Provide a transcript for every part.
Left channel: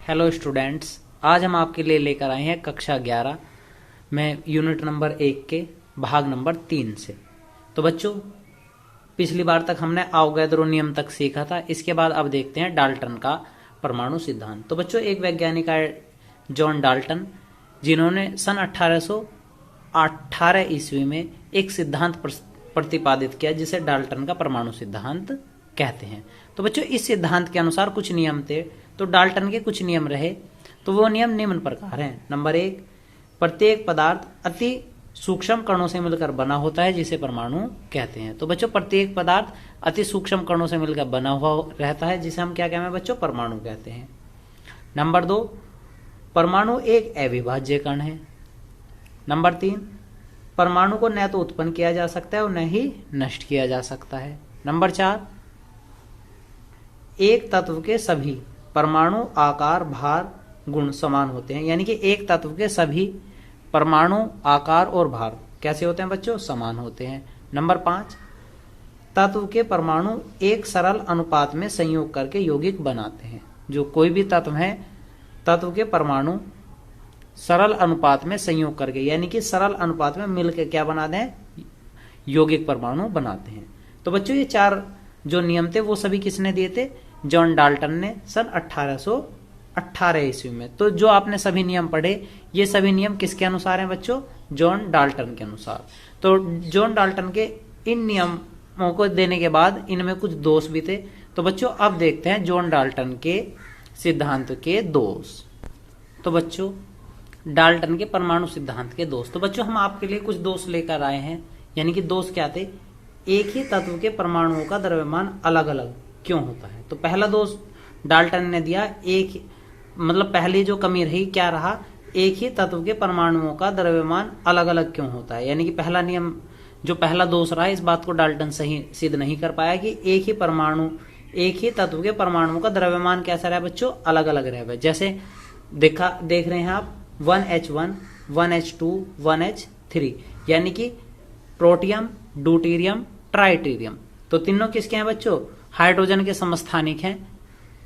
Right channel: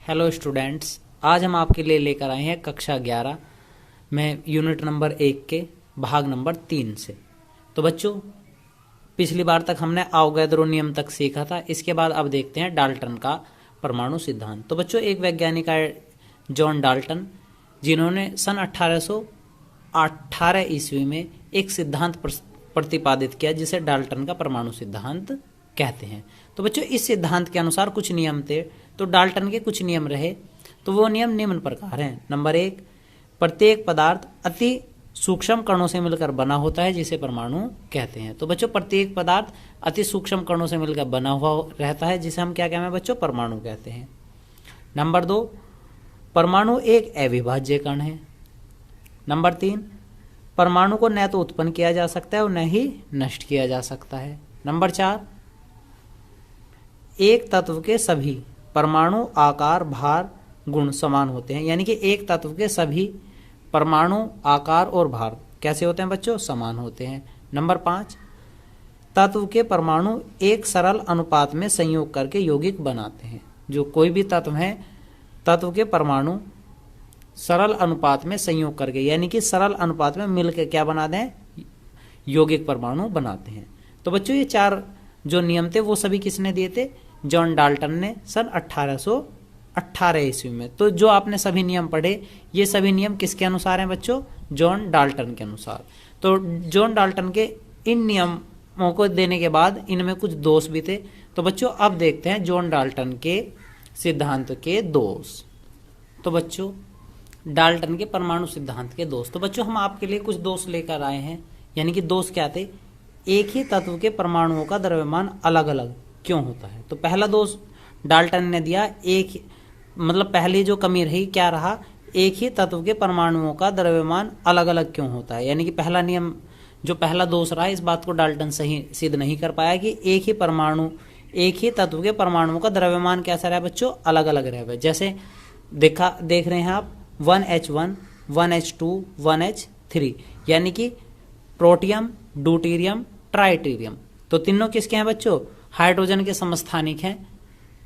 Hello students, आज हम आपके लिए लेकर आए हैं कक्षा 11 में यूनिट नंबर 1 के भाग नंबर 3 से। तो बच्चों, पिछली बार तक हमने आवोगाद्रो नियम तक सीखा था। इसके बाद अब देखते हैं डाल्टन का परमाणु सिद्धांत। तो बच्चों, एक वैज्ञानिक है जॉन डाल्टन, जिन्होंने सन 1818 ईस्वी में एक सिद्धांत प्रतिपादित किया जिसे डाल्टन का परमाणु सिद्धांत कहते हैं। तो बच्चों, इस सिद्धांत के अनुसार कुछ नियम थे। तो डाल्टन के कुछ नियम रहे, तो वो नियम निम्न प्रकार हैं। नंबर 1, प्रत्येक पदार्थ अति सूक्ष्म कणों से मिलकर बना होता है जिसे परमाणु कहते हैं। तो बच्चों, प्रत्येक पदार्थ अति सूक्ष्म कणों से मिलकर बना हुआ रहता है जिसे हम क्या कहते हैं बच्चों? परमाणु कहते हैं। नंबर 2, परमाणु एक अविभाज्य कण है। नंबर 3, परमाणु को न तो उत्पन्न किया जा सकता है और न ही नष्ट किया जा सकता है। नंबर 4, एक तत्व के सभी परमाणु आकार, भार, गुण समान होते हैं। यानी कि एक तत्व के सभी परमाणु आकार और भार कैसे होते हैं बच्चों? समान होते हैं। नंबर 5, तत्व के परमाणु एक सरल अनुपात में संयोग करके यौगिक बनाते हैं। जो कोई भी तत्व है, तत्व के परमाणु सरल अनुपात में संयोग करके, यानी कि सरल अनुपात में मिलकर क्या बनाते हैं? यौगिक परमाणु बनाते हैं। तो बच्चों, ये 4 जो नियम थे वो सभी किसने दिए थे? जॉन डाल्टन ने सन 1818 ईस्वी में। तो जो आपने सभी नियम पढ़े, ये सभी नियम किसके अनुसार हैं बच्चों? जॉन डाल्टन के अनुसार। तो जॉन डाल्टन के इन नियमों को देने के बाद इनमें कुछ दोष भी थे। तो बच्चों, अब देखते हैं जॉन डाल्टन के सिद्धांत के दोष। तो बच्चों, डाल्टन के परमाणु सिद्धांत के दोष। तो बच्चों, हम आपके लिए कुछ दोष लेकर आए हैं। यानी कि दोष क्या थे? एक ही तत्व के परमाणुओं का द्रव्यमान अलग अलग क्यों होता है? तो पहला दोष डाल्टन ने दिया, पहली जो कमी रही क्या रहा? एक ही तत्व के परमाणुओं का द्रव्यमान अलग अलग क्यों होता है। यानी कि पहला नियम, जो पहला दोष रहा, इस बात को डाल्टन सही सिद्ध नहीं कर पाया कि एक ही तत्व के परमाणुओं का द्रव्यमान कैसा रहा बच्चों? अलग अलग रहा। जैसे देख रहे हैं आप 1H1, 1H2, 1H3, यानी कि प्रोटियम, ड्यूटेरियम, ट्राइटेरियम। तो तीनों किसके हैं बच्चों? हाइड्रोजन के समस्थानिक हैं,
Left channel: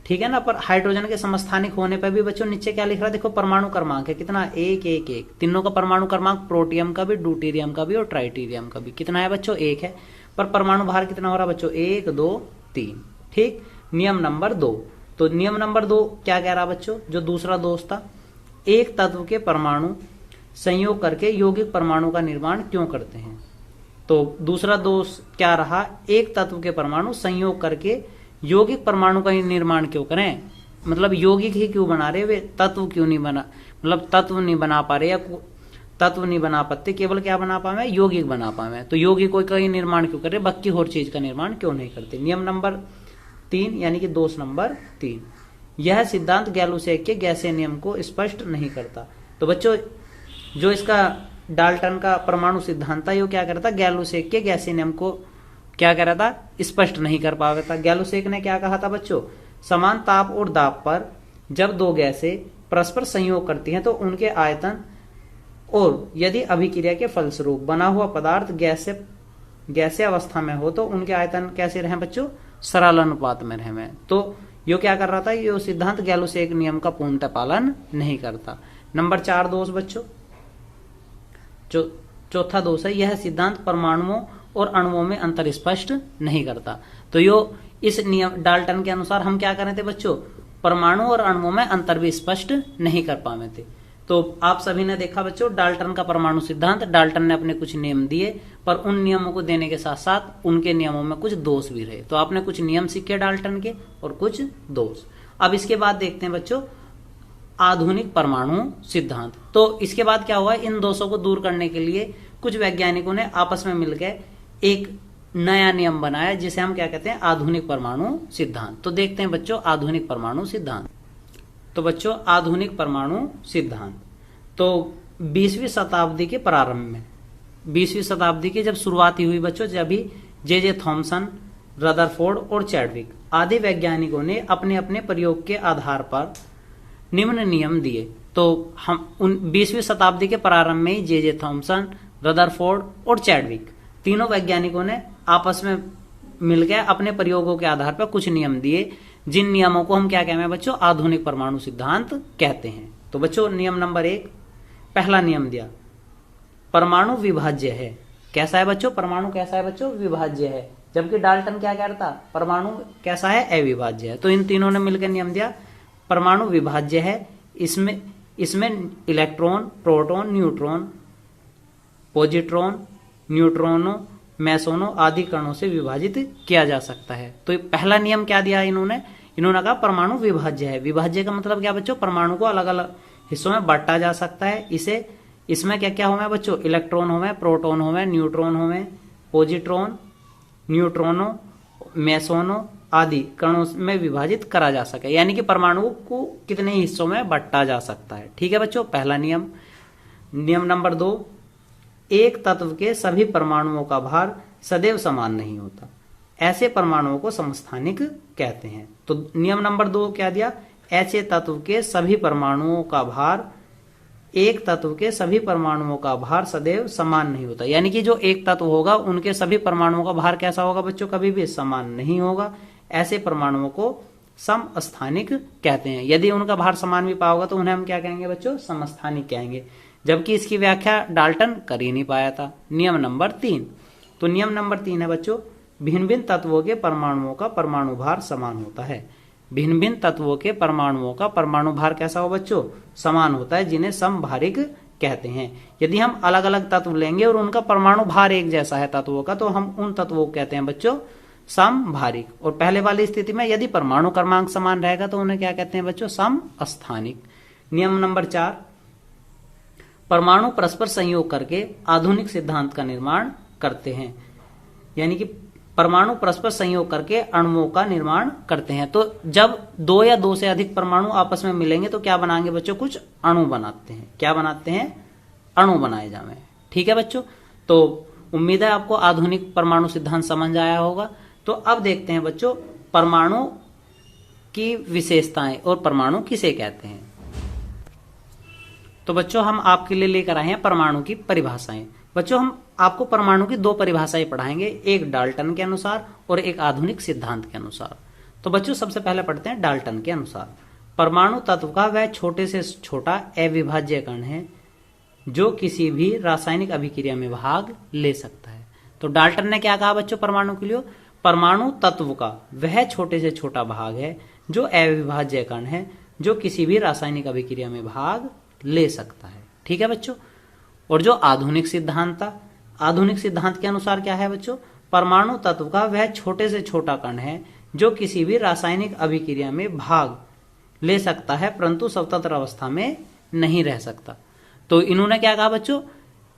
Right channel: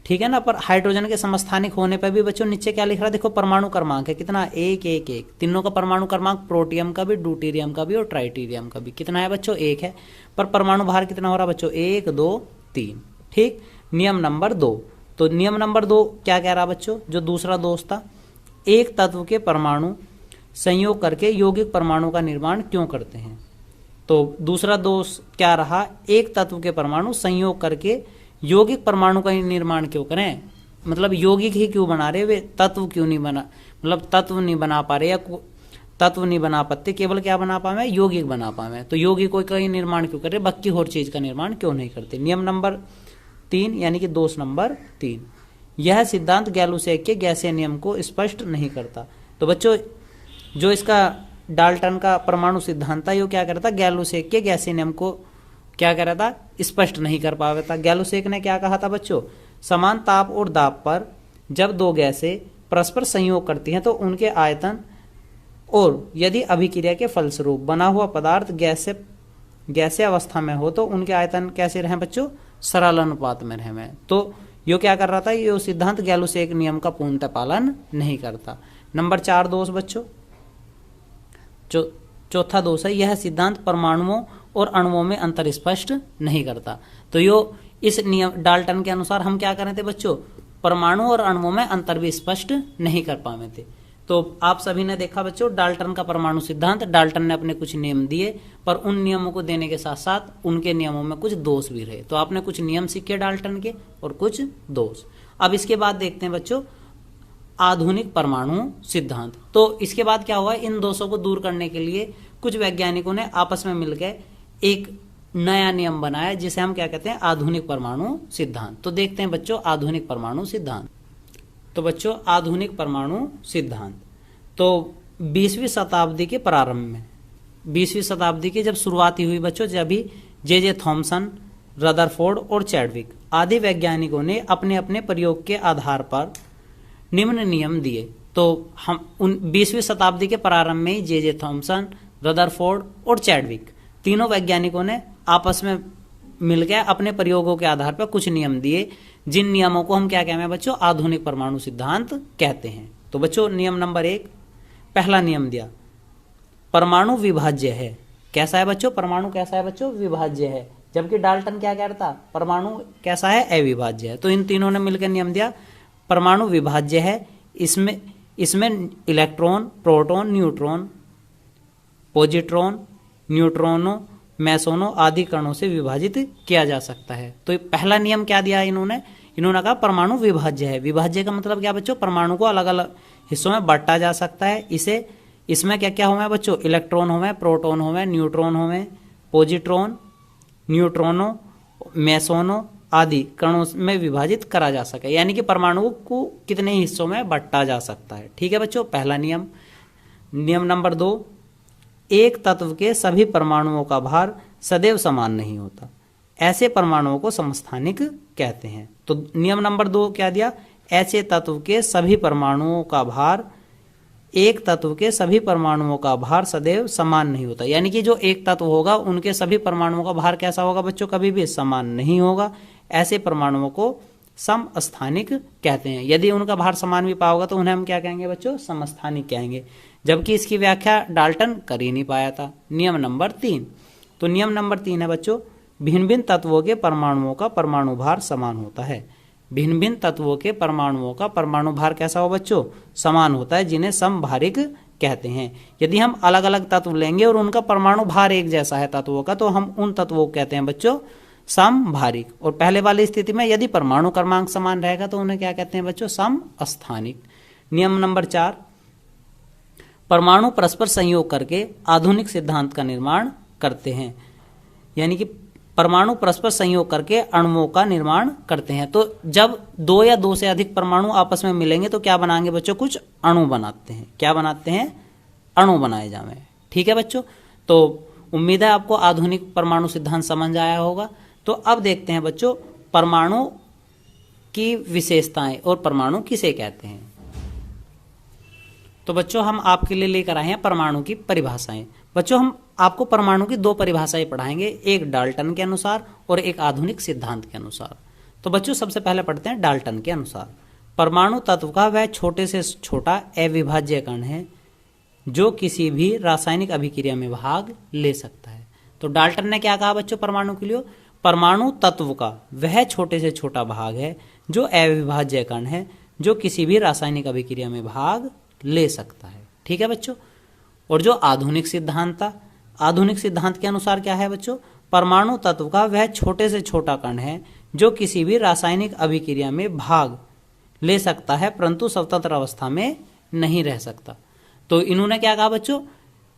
ठीक है ना। पर हाइड्रोजन के समस्थानिक होने पर भी बच्चों नीचे क्या लिख रहा है? देखो, परमाणु क्रमांक है कितना? 1 1 1। तीनों का परमाणु क्रमांक, प्रोटियम का भी, ड्यूटेरियम का भी और ट्राइटेरियम का भी कितना है बच्चों? 1 है। पर परमाणु भार कितना हो रहा है बच्चों? 1 2 3। ठीक। नियम नंबर 2। तो नियम नंबर 2 क्या कह रहा बच्चों? जो दूसरा दोष था, एक तत्व के परमाणु संयोग करके यौगिक परमाणु का निर्माण क्यों करते हैं? तो दूसरा दोष क्या रहा? एक तत्व के परमाणु संयोग करके यौगिक परमाणु का निर्माण क्यों करें? यौगिक ही क्यों बना रहे, वे तत्व क्यों नहीं बना, तत्व नहीं बना पा रहे, या तत्व नहीं बना पाते, केवल क्या बना पावे? यौगिक बना पावे। तो यौगिक का ही निर्माण क्यों कर रहे, बाकी और चीज का निर्माण क्यों नहीं करते? नियम नंबर 3, यानी कि दोष नंबर 3, यह सिद्धांत गैलुसेक के गैसीय नियम को स्पष्ट नहीं करता। तो बच्चों, जो इसका डाल्टन का परमाणु सिद्धांत था, ये क्या करता? गैलुसेक के गैसीय नियम को क्या कर रहा था? स्पष्ट नहीं कर पा रहा था। गैलुसेक ने क्या कहा था बच्चों? समान ताप और दाब पर जब दो गैसें परस्पर संयोग करती हैं तो उनके आयतन, और यदि अभिक्रिया के फलस्वरूप बना हुआ पदार्थ गैसीय अवस्था में हो तो उनके आयतन कैसे रहे बच्चों? सरल अनुपात में रहे। तो यो क्या कर रहा था? ये सिद्धांत गैलुसेक नियम का पूर्णतः पालन नहीं करता। नंबर 4 दोष बच्चों, चौथा दोष है, यह सिद्धांत परमाणुओं और अणुओं में अंतर स्पष्ट नहीं करता। तो यो इस नियम डाल्टन के अनुसार हम क्या कर रहे थे बच्चों? परमाणु और अणुओं में अंतर भी स्पष्ट नहीं कर पाए थे। तो आप सभी ने देखा बच्चों, डाल्टन का परमाणु सिद्धांत, डाल्टन ने अपने कुछ नियम दिए, पर उन नियमों को देने के साथ साथ उनके नियमों में कुछ दोष भी रहे। तो आपने कुछ नियम सीखे डाल्टन के और कुछ दोष। अब इसके बाद देखते हैं बच्चों आधुनिक परमाणु सिद्धांत। तो इसके बाद क्या हुआ? इन दोषों को दूर करने के लिए कुछ वैज्ञानिकों ने आपस में मिलकर एक नया नियम बनाया जिसे हम क्या कहते हैं? आधुनिक परमाणु सिद्धांत। तो देखते हैं बच्चों आधुनिक परमाणु सिद्धांत। तो बच्चों, आधुनिक परमाणु सिद्धांत तो 20वीं शताब्दी के प्रारंभ में, 20वीं शताब्दी की जब शुरुआती हुई बच्चों, जब भी जे थॉमसन, रदरफोर्ड और चैडविक आदि वैज्ञानिकों ने अपने अपने प्रयोग के आधार पर निम्न नियम दिए। तो हम 20वीं शताब्दी के प्रारंभ में ही जे थॉमसन, रदरफोर्ड और चैडविक तीनों वैज्ञानिकों ने आपस में मिलकर अपने प्रयोगों के आधार पर कुछ नियम दिए जिन नियमों को हम क्या कहते हैं बच्चों, आधुनिक परमाणु सिद्धांत कहते हैं। तो बच्चों नियम नंबर 1, पहला नियम दिया, परमाणु विभाज्य है। कैसा है बच्चों, परमाणु कैसा है बच्चों, विभाज्य है। जबकि डाल्टन क्या कहता, परमाणु कैसा है, अविभाज्य है। तो इन तीनों ने मिलकर नियम दिया परमाणु विभाज्य है। इसमें इलेक्ट्रॉन, प्रोटॉन, न्यूट्रॉन, पॉजिट्रॉन, न्यूट्रॉनों, मैसोनों आदि कणों से विभाजित किया जा सकता है। तो पहला नियम क्या दिया इन्होंने कहा परमाणु विभाज्य है। विभाज्य का मतलब क्या बच्चों, परमाणु को अलग अलग हिस्सों में बांटा जा सकता है। इसमें क्या क्या होंगे बच्चों, इलेक्ट्रॉन होंगे, प्रोटॉन होंगे, न्यूट्रॉन होंगे, पॉजिट्रॉन, न्यूट्रॉनों, मैसोनों आदि कणों में विभाजित करा जा सके, यानी कि परमाणु को कितने हिस्सों में बांटा जा सकता है। ठीक है बच्चों, पहला नियम। नियम नंबर 2, एक तत्व के सभी परमाणुओं का भार सदैव समान नहीं होता, ऐसे परमाणुओं को समस्थानिक कहते हैं। तो नियम नंबर 2 क्या दिया, ऐसे तत्व के सभी परमाणुओं का भार, एक तत्व के सभी परमाणुओं का भार सदैव समान नहीं होता, यानी कि जो एक तत्व होगा उनके सभी परमाणुओं का भार कैसा होगा बच्चों, कभी भी समान नहीं होगा। ऐसे परमाणुओं को समस्थानिक कहते हैं। यदि उनका भार समान भी पाओगा तो उन्हें हम क्या कहेंगे बच्चों, समस्थानिक कहेंगे। जबकि इसकी व्याख्या डाल्टन कर ही नहीं पाया था। नियम नंबर 3, तो नियम नंबर 3 है बच्चों, भिन्न भिन्न तत्वों के परमाणुओं का परमाणु भार समान होता है। भिन्न भिन्न तत्वों के परमाणुओं का परमाणु भार कैसा हो बच्चों, समान होता है, जिन्हें समभारिक कहते हैं। यदि हम अलग अलग तत्व लेंगे और उनका परमाणु भार एक जैसा है तत्वों का, तो हम उन तत्वों को कहते हैं बच्चों समभारिक। और पहले वाली स्थिति में यदि परमाणु क्रमांक समान रहेगा तो उन्हें क्या कहते हैं बच्चों, समस्थानिक। नियम नंबर 4, परमाणु परस्पर संयोग करके आधुनिक सिद्धांत का निर्माण करते हैं, यानी कि परमाणु परस्पर संयोग करके अणुओं का निर्माण करते हैं। तो जब 2 या 2 से अधिक परमाणु आपस में मिलेंगे तो क्या बनाएंगे बच्चों, कुछ अणु बनाते हैं। क्या बनाते हैं, अणु बनाए जावे। ठीक है बच्चों, तो उम्मीद है आपको आधुनिक परमाणु सिद्धांत समझ आया होगा। तो अब देखते हैं बच्चों परमाणु की विशेषताएं और परमाणु किसे कहते हैं। तो बच्चों हम आपके लिए लेकर आए हैं परमाणु की परिभाषाएं। बच्चों हम आपको परमाणु की 2 परिभाषाएं पढ़ाएंगे, एक डाल्टन के अनुसार और एक आधुनिक सिद्धांत के अनुसार। तो बच्चों सबसे पहले पढ़ते हैं डाल्टन के अनुसार। परमाणु तत्व का वह छोटे से छोटा अविभाज्य कण है जो किसी भी रासायनिक अभिक्रिया में भाग ले सकता है। तो डाल्टन ने क्या कहा बच्चों परमाणु के लिए, परमाणु तत्व का वह छोटे से छोटा भाग है जो अविभाज्य कण है जो किसी भी रासायनिक अभिक्रिया में भाग ले सकता है। ठीक है बच्चों, और जो आधुनिक सिद्धांत था, आधुनिक सिद्धांत के अनुसार क्या है बच्चों, परमाणु तत्व का वह छोटे से छोटा कण है जो किसी भी रासायनिक अभिक्रिया में भाग ले सकता है परंतु स्वतंत्र अवस्था में नहीं रह सकता। तो इन्होंने क्या कहा बच्चों,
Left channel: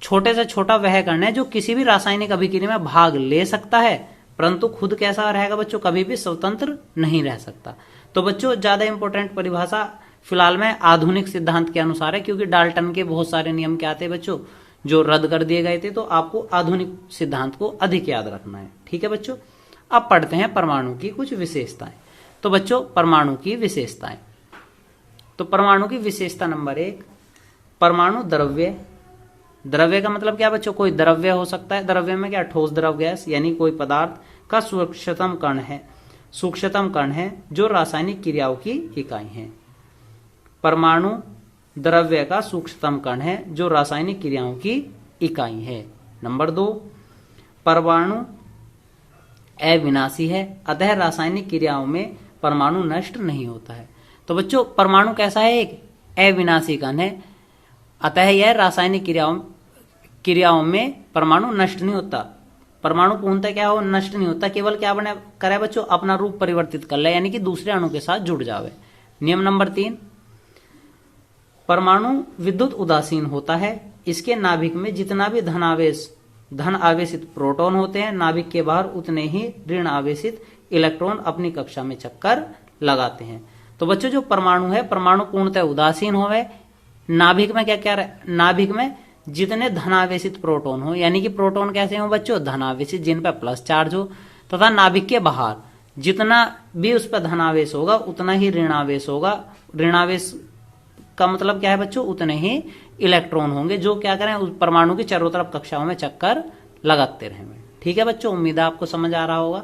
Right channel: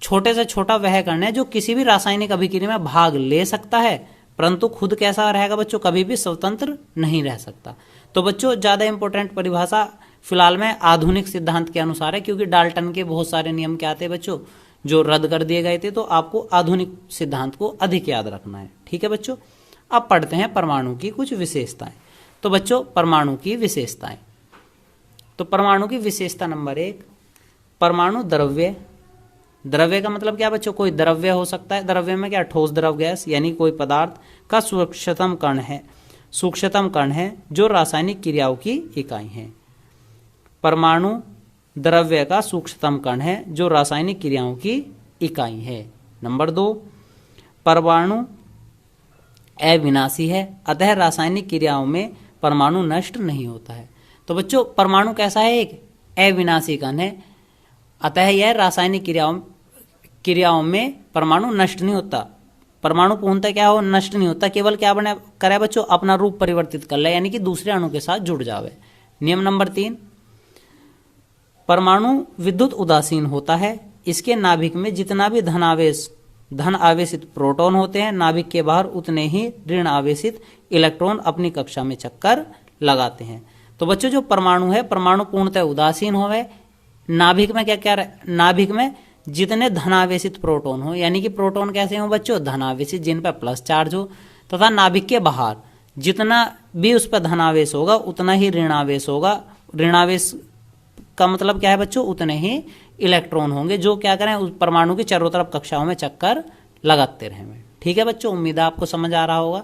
छोटे से छोटा वह कण है जो किसी भी रासायनिक अभिक्रिया में भाग ले सकता है परंतु खुद कैसा रहेगा बच्चों, कभी भी स्वतंत्र नहीं रह सकता। तो बच्चों ज्यादा इंपॉर्टेंट परिभाषा फिलहाल में आधुनिक सिद्धांत के अनुसार है, क्योंकि डाल्टन के बहुत सारे नियम क्या थे बच्चों जो रद्द कर दिए गए थे, तो आपको आधुनिक सिद्धांत को अधिक याद रखना है। ठीक है बच्चों, अब पढ़ते हैं परमाणु की कुछ विशेषताएं। तो बच्चों परमाणु की विशेषताएं, तो परमाणु की विशेषता नंबर 1, परमाणु द्रव्य। द्रव्य का मतलब क्या बच्चों, कोई द्रव्य हो सकता है। द्रव्य में क्या, ठोस द्रव गैस, यानी कोई पदार्थ का सूक्ष्मतम कण है जो रासायनिक क्रियाओं की इकाई है। परमाणु द्रव्य का सूक्ष्मतम कण है जो रासायनिक क्रियाओं की इकाई है। नंबर 2, परमाणु अविनाशी है, अतः रासायनिक क्रियाओं में परमाणु नष्ट नहीं होता है। तो बच्चों परमाणु कैसा है, एक अविनाशी कण है, अतः यह रासायनिक क्रियाओं में परमाणु नष्ट नहीं होता। परमाणु पूर्णतः क्या हो, नष्ट नहीं होता, केवल क्या बने करे बच्चों, अपना रूप परिवर्तित कर ले, यानी कि दूसरे अणु के साथ जुड़ जावे। नियम नंबर 3, परमाणु विद्युत उदासीन होता है, इसके नाभिक में जितना भी धन आवेशित प्रोटॉन होते हैं, नाभिक के बाहर उतने ही ऋण आवेशित इलेक्ट्रॉन अपनी कक्षा में चक्कर लगाते हैं। तो बच्चों जो परमाणु है, परमाणु पूर्णतः उदासीन होवे, नाभिक में क्या क्या, नाभिक में जितने धनावेशित प्रोटॉन हो, यानी कि प्रोटॉन कैसे हो बच्चों, धनावेशित, जिन पर प्लस चार्ज हो, तथा नाभिक के बाहर जितना भी उस पर धनावेश होगा उतना ही ऋणावेश होगा। ऋणावेश का मतलब क्या है बच्चों, उतने ही इलेक्ट्रॉन होंगे जो क्या करें, उस परमाणु की चारों तरफ कक्षाओं में चक्कर लगाते रहेंगे। ठीक है बच्चों, उम्मीद है आपको समझ आ रहा होगा।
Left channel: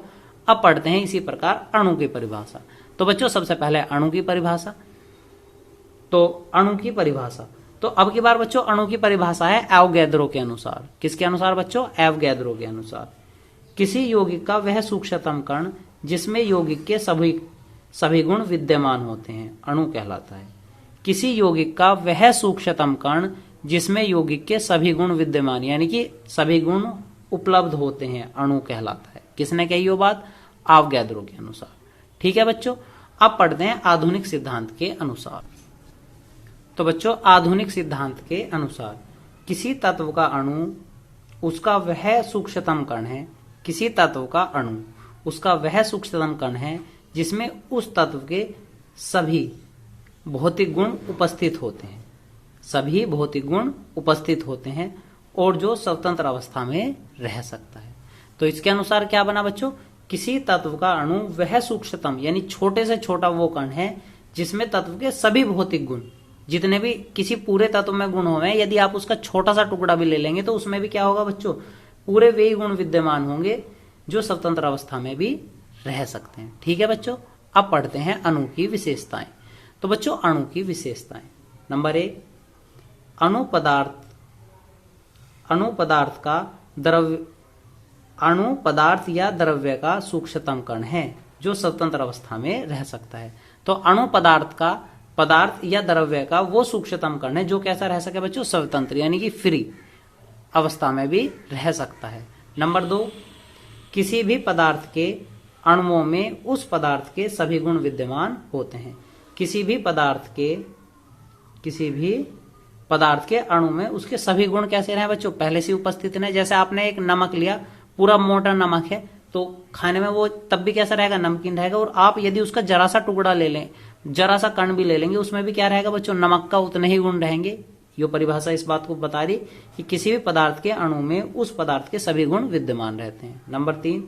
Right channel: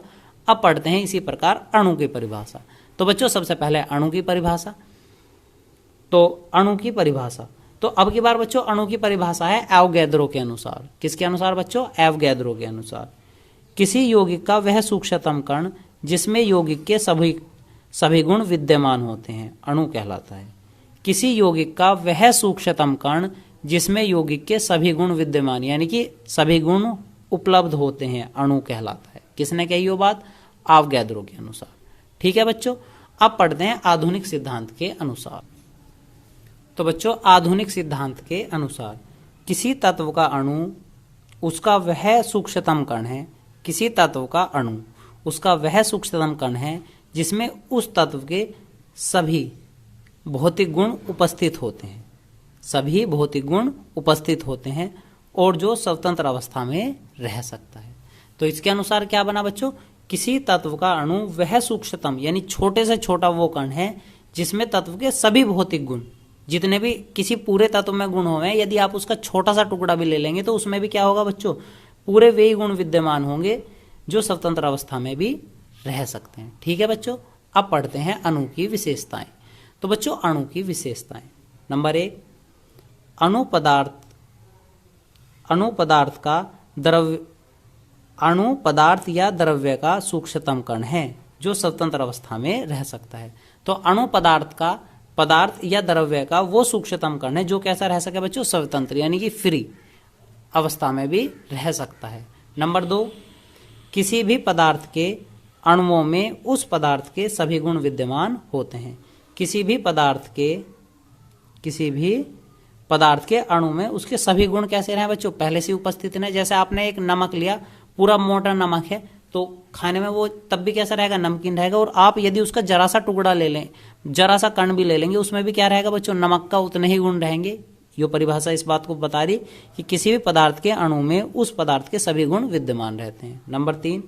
अब पढ़ते हैं इसी प्रकार अणु की परिभाषा। तो बच्चों सबसे पहले अणु की परिभाषा। तो अणु की परिभाषा, तो अब की बार बच्चों अणु की परिभाषा है एवोगैद्रो के अनुसार। किसके अनुसार बच्चों? एवोगैद्रो के अनुसार। किसी यौगिक का वह सूक्ष्मतम कण जिसमें यौगिक के सभी गुण विद्यमान होते हैं, अणु कहलाता है। किसी यौगिक का वह सूक्ष्मतम कण जिसमें यौगिक के सभी गुण विद्यमान, यानी कि सभी गुण उपलब्ध होते हैं, अणु कहलाता है। किसने कही वो बात? एवोगैद्रो के अनुसार। ठीक है बच्चों, अब पढ़ते हैं आधुनिक सिद्धांत के अनुसार। तो बच्चों आधुनिक सिद्धांत के अनुसार किसी तत्व का अणु उसका वह सूक्ष्मतम कण है, किसी तत्व का अणु उसका वह सूक्ष्मतम कण है जिसमें उस तत्व के सभी भौतिक गुण उपस्थित होते हैं, सभी भौतिक गुण उपस्थित होते हैं और जो स्वतंत्र अवस्था में रह सकता है। तो इसके अनुसार क्या बना बच्चों? किसी तत्व का अणु वह सूक्ष्मतम यानी छोटे से छोटा वो कण है जिसमें तत्व के सभी भौतिक गुण, जितने भी किसी पूरे तत्व में गुण होंगे, यदि आप उसका छोटा सा टुकड़ा भी ले लेंगे तो उसमें भी क्या होगा बच्चों? पूरे वे ही गुण विद्यमान होंगे जो स्वतंत्र अवस्था में भी रह सकते हैं। ठीक है बच्चों, अब पढ़ते हैं अणु की विशेषताएं। तो बच्चों अणु की विशेषताएं, नंबर 1, अणु पदार्थ या द्रव्य का सूक्ष्मतम कण है जो स्वतंत्र अवस्था में रह सकता है। तो अणु पदार्थ या द्रव्य का वो सूक्ष्मतम कण है जो कैसा रह सके बच्चों? स्वतंत्र यानी कि फ्री अवस्था में भी रह सकता है। नंबर 2, किसी भी पदार्थ के अणुओं में उस पदार्थ के सभी गुण विद्यमान होते हैं। किसी भी पदार्थ के अणु में उसके सभी गुण कैसे रहे बच्चों? पहले से उपस्थित हैं। जैसे आपने एक नमक लिया, पूरा मोटा नमक है, तो खाने में वो तब भी कैसा रहेगा? नमकीन रहेगा। और आप यदि उसका जरा सा टुकड़ा ले लें, जरा सा कण भी ले लेंगे, उसमें भी क्या रहेगा बच्चों? नमक का उतने ही गुण रहेंगे। ये परिभाषा इस बात को बता रही कि किसी भी पदार्थ के अणु में उस पदार्थ के सभी गुण विद्यमान रहते हैं। नंबर 3,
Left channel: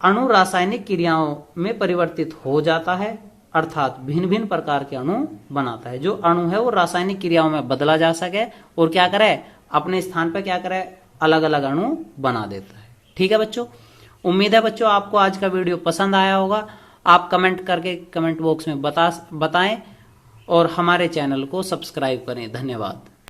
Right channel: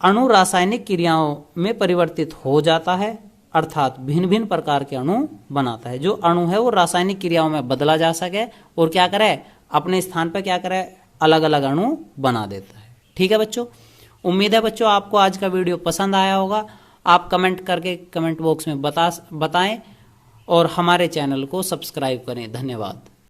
अणु रासायनिक क्रियाओं में परिवर्तित हो जाता है, अर्थात भिन्न भिन्न प्रकार के अणु बनाता है। जो अणु है वो रासायनिक क्रियाओं में बदला जा सके और क्या करे? अपने स्थान पर क्या करे? अलग अलग अणु बना देता है। ठीक है बच्चों, उम्मीद है बच्चों आपको आज का वीडियो पसंद आया होगा। आप कमेंट करके कमेंट बॉक्स में बताएं और हमारे चैनल को सब्सक्राइब करें। धन्यवाद।